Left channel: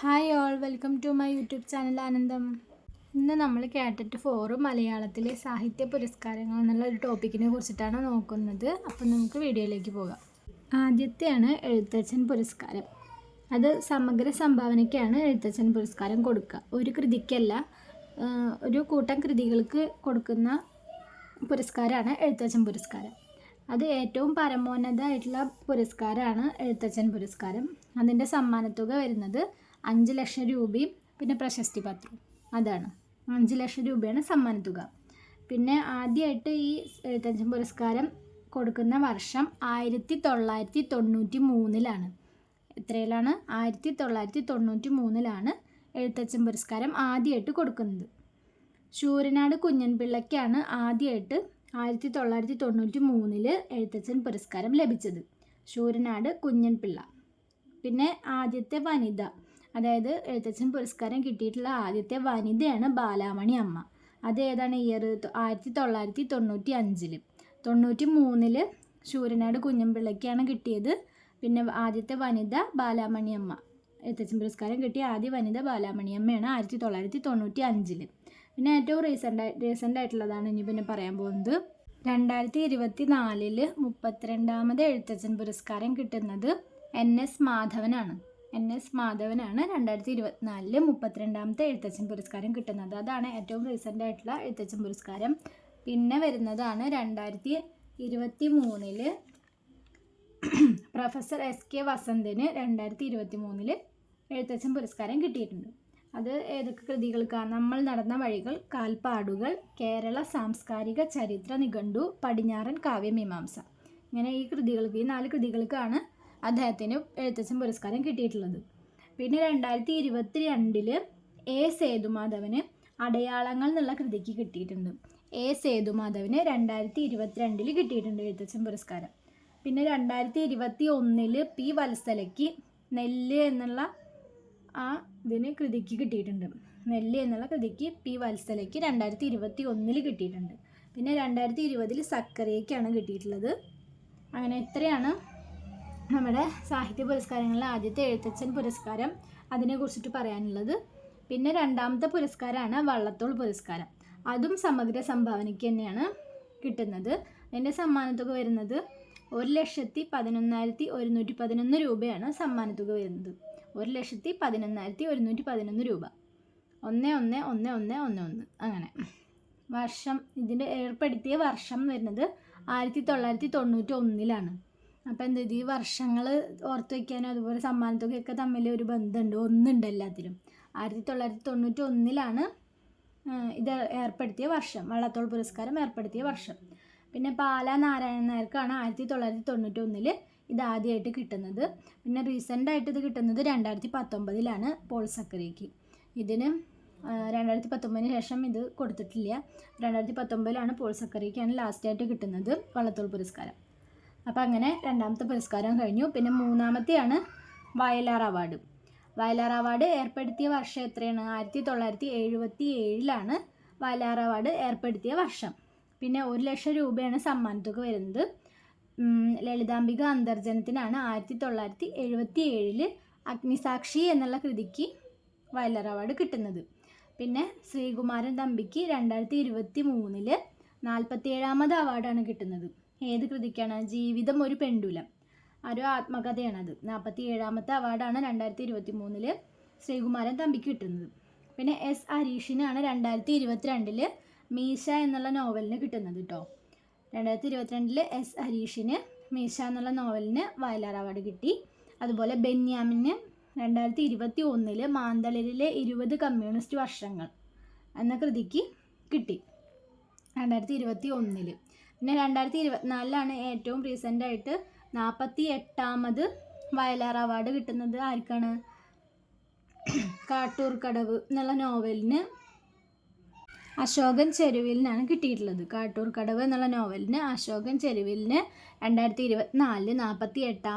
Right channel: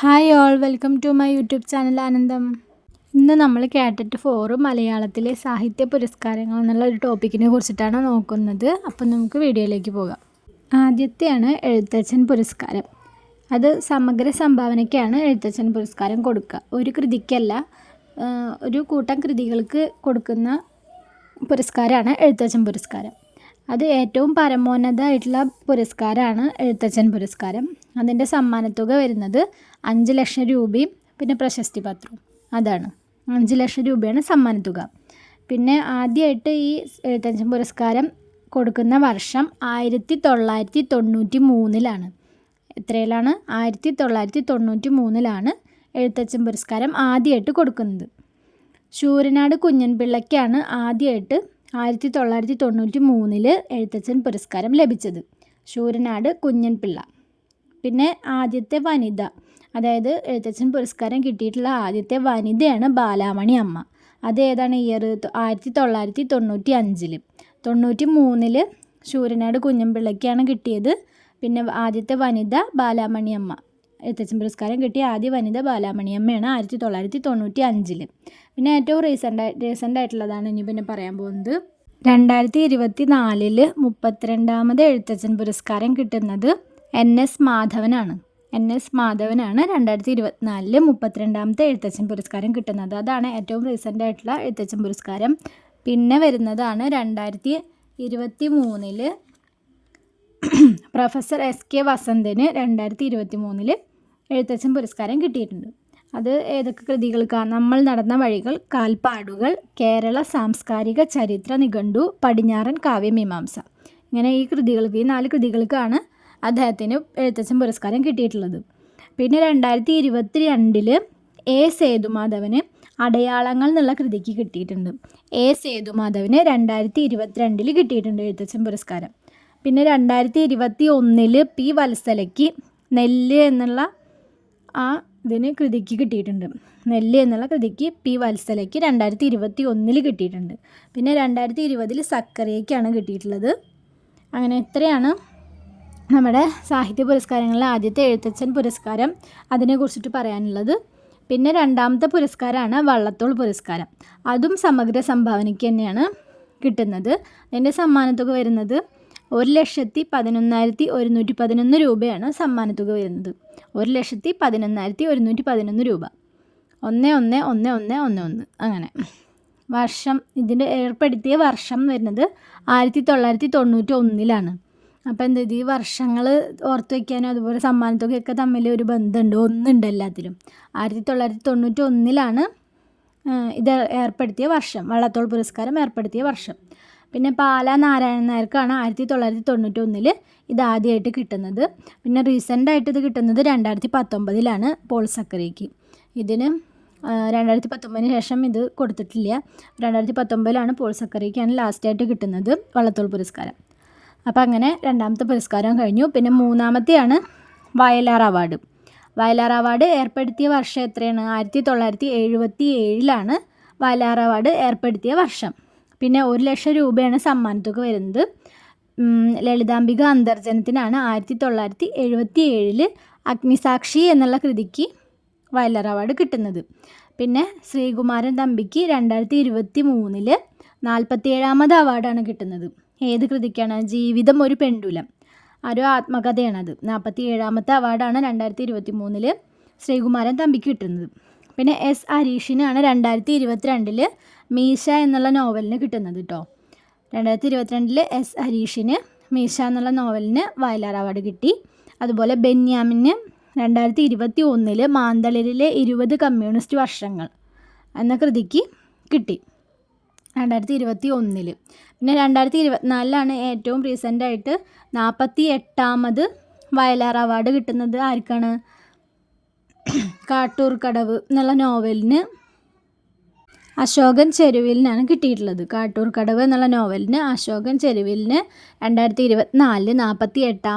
Hi all, welcome to my YouTube channel Anandam. ഇന്ന് നമ്മൾ കാറ്ററ്റ് 4 മലയാളത്തിലെ സാഹിത്യ പുരസ്കാരങ്ങൾ എന്നുള്ള ഒരു ടോപ്പിക്കിനെ കുറിച്ചിട്ടാണ് നോക്കുന്നത്. അപ്പം നമുക്ക് വീഡിയോയിലേക്ക് പോകാം. ആദ്യത്തെയാണ് എഴുത്തച്ഛൻ പുരസ്കാരം. അത് സമഗ്ര സംഭാവനയ്ക്കാണ് എഴുത്തച്ഛൻ പുരസ്കാരം കൊടുക്കുക. ഒരു കൃതിക്കല്ല, ഒരു കൂട്ടം കൃതികൾക്ക് കൊടുക്കുന്ന പുരസ്കാരമാണ് എഴുത്തച്ഛൻ പുരസ്കാരം. അത് ഏറ്റവും പരമോന്നതമായിട്ടുള്ള പുരസ്കാരമാണ് എഴുത്തച്ഛൻ പുരസ്കാരം. അതിൻ്റെ സമ്മാനത്തുക വരുന്നത് 5 ലക്ഷം രൂപയും പിന്നെ പ്രശസ്തി പത്രവും. അതാണ് 5 ലക്ഷം രൂപയാണ് സമ്മാനത്തുക. പിന്നെ ആദ്യമായിട്ട് ഈ എഴുത്തച്ഛൻ പുരസ്കാരം കൊടുക്കുന്ന വർഷം 1993 എത്രയിലാണ്? 1993 എഴുത്തച്ഛൻ പുരസ്കാരം ആദ്യമായിട്ട് കൊടുക്കുന്നത്. ശൂരനാട് കുഞ്ഞൻപിള്ളയ്ക്കാണ് ആദ്യമായിട്ട് 1993 എഴുത്തച്ഛൻ പുരസ്കാരം ലഭിച്ചത്. ശൂരനാട് കുഞ്ഞൻപിള്ള. പിന്നെ ആദ്യത്തെ വനിത, അതായത് എഴുത്തച്ഛൻ പുരസ്കാരം കിട്ടിയിട്ടുള്ള ആദ്യത്തെ വനിതയാണ് ബാലാമണി അമ്മ. അത് ഏതാണ് ഇയർ? 1995. 93 ശൂരനാട് കുഞ്ഞൻപിള്ളയ്ക്കാണ് കിട്ടിയത്. പിന്നെ ആദ്യത്തെ വനിത ബാലാമണി അമ്മ. എഴുത്തച്ഛൻ പുരസ്കാരം കിട്ടിയ ആദ്യ വനിത ബാലാമണി അമ്മയാണ് 1995. പിന്നെ ഏറ്റവും റീസെൻ്റ് ആയിട്ടുള്ളതാണ് ഇനി പിന്നെ പറയാൻ പോകുന്നത്. 2024 32ാമത് എഴുത്തച്ഛൻ പുരസ്കാരം കിട്ടുന്നത് NS മാധവനാണ്. NS മാധവനാണ് 2024 32ാമത്തെ എഴുത്തച്ഛൻ പുരസ്കാരം കിട്ടുന്നത്. അതാണ് ഏറ്റവും റീസെൻ്റ് ആയിട്ടുള്ള എഴുത്തച്ഛൻ പുരസ്കാരം. പിന്നെ വരുന്നതാണ് 2023 പ്രൊഫസർ SK വസന്തന് 2023 എഴുത്തച്ഛൻ പുരസ്കാരം കിട്ടിയിട്ടുണ്ട്. അത് ഏതൊക്കെ കൃതികൾക്കാണ്? നമ്മൾ നടന്ന വഴികൾ, കാൽപ്പാടുകൾ, കേരള സാംസ്കാരിക ചരിത്ര നിഘണ്ടു, പടിഞ്ഞാറൻ കാവ്യമീമാംസ. ഇങ്ങനെ ഈ 4 കൃതികൾക്കാണ് അദ്ദേഹത്തിന് എഴുത്തച്ഛൻ പുരസ്കാരം കിട്ടിയിട്ടുള്ളത്. പിന്നെ 2022 A സേതുമാധവന് അടയാളങ്ങൾ എന്നുള്ള കൃതിക്ക് കിട്ടിയിട്ടുണ്ട്. A സേതുമാധവന് 2022 കിട്ടിയിട്ടുണ്ട് എഴുത്തച്ഛൻ പുരസ്കാരം. പിന്നെ 2021 P വത്സലയ്ക്ക് നെല്ല് എന്നുള്ള ഇതിന് കൃതിക്ക് കിട്ടിയിട്ടുണ്ട്. നെല്ല് എന്നുള്ള കൃതിക്ക് P വത്സലയ്ക്ക് 2021 കിട്ടിയിട്ടുണ്ട്. പിന്നെ 2020 സക്കറിയയ്ക്കാണ് കിട്ടിയിട്ടുള്ളത്. അങ്ങനെ ഇത്രയാണ് നമ്മുടെ സാഹിത്യ പുരസ്കാരങ്ങളിലെ ആദ്യത്തെ എഴുത്തച്ഛൻ പുരസ്കാരം. അതിനെക്കുറിച്ചിട്ട് പറയാനുള്ളത്. പിന്നെ രണ്ടാമത്തെ പുരസ്കാരമാണ് വള്ളത്തോൾ പുരസ്കാരം. അതും സമഗ്ര സംഭാവനയ്ക്ക് തന്നെയാണ് കിട്ടുന്നത്. അതിൻ്റെ സമ്മാനത്തുക വരുന്നത് 1,11,111 രൂപയാണ് സമ്മാനത്തുക വരുന്നത്. 1,11,111 രൂപ. 111111 അങ്ങനെ. വർഷം, ഇതിൻ്റെ ഏർപ്പെടുത്തിയ വർഷം വരുന്നത് 1991. അപ്പോൾ എന്താ, ഈ വർഷങ്ങൾ ഓർത്ത് വയ്ക്കാനും അതുപോലെ സമ്മാനത്തുകയൊക്കെ തമ്മിൽ ഒരു ബന്ധമുണ്ട്, ഒന്നുണ്ട് എല്ലാത്തിലും. 1991 ഇത് ഏർപ്പെടുത്തിയ വർഷം, വള്ളത്തോൾ പുരസ്കാരം ഏർപ്പെടുത്തിയ വർഷം. പിന്നെ പാലാ നാരായണൻ നായർക്കാണ് 1991 ഇത് ആദ്യമായിട്ട് കിട്ടുന്നത്. പിന്നെ റീസെൻ്റായിട്ട് ഇത് കിട്ടുന്നത് 2019 പോൾ സക്കറിയയ്ക്ക്. ഇതിന് 2019 ശേഷം ഇത് കൊടുത്തിട്ടില്ല. 2019 പോൾ സക്കറിയയ്ക്കാണ് ലാസ്റ്റായിട്ട് കിട്ടുന്നത് വള്ളത്തോൾ പുരസ്കാരം. അപ്പോൾ അങ്ങനെ രണ്ടാമത്തെ പുരസ്കാരം കഴിഞ്ഞു. പിന്നെ മൂന്നാമത്തെയാണ് വയലാർ അവാർഡ്. വയലാർ അവാർഡ് ഏർപ്പെടുത്തിയ വർഷം എത്രയാണ്? 1977 വയലാർ അവാർഡ് ഏർപ്പെടുത്തിയ വർഷം. പിന്നെ 1 ലക്ഷം രൂപയാണ് സമ്മാനത്തുക വരുന്നത്. ലളിതാംബിക അന്തർജനത്തിനാണ് 1977 അഗ്നിസാക്ഷി എന്നുള്ള കൃതിക്ക് വയലാർ അവാർഡ് കിട്ടുന്നത്. പിന്നെ ശ്രീകുമാരൻ തമ്പിക്ക് 2023 47ാമത് അവാർഡാണ് കിട്ടുന്നത്. ഏത് കൃതിക്കാണ്? ജീവിതം ഒരു പെണ്ടുലം, ഒരു ആത്മകഥയാണത്. 47ാമത്തെ അവാർഡാണ് 2023 ശ്രീകുമാരൻ തമ്പിക്ക് കിട്ടുന്നത്. പിന്നെ S ഹരീഷിനാണ് 2022 മീശ എന്നുള്ള നോവലിന് കിട്ടുന്നത് കേട്ടോ. 2022 S ഹരീഷിന് മീശ എന്നുള്ള നോവലിന് വയലാർ അവാർഡ് കിട്ടി. അതുപോലെ ബെന്യാമിന് 2021 മാന്തളിരിലെ 20 കമ്മ്യൂണിസ്റ്റ് വർഷങ്ങൾ എന്ന കൃതിക്ക് കിട്ടി 2021. പിന്നെ 2024 ഏറ്റവും റീസെൻ്റായിട്ട് 48ാമത് വയലാർ അവാർഡ് കിട്ടുന്നത് ആർക്കാണ്? കാട്ടൂർ കടവ് എന്നുള്ള നോവലിന് അശോകൻ ചെരുവിലിനാണ് കിട്ടിയിട്ടുള്ളത്. കാട്ടൂർ കടവ് എന്നുള്ള നോവലിന് അശോകൻ ചെരുവിലിന് 2024 48ാം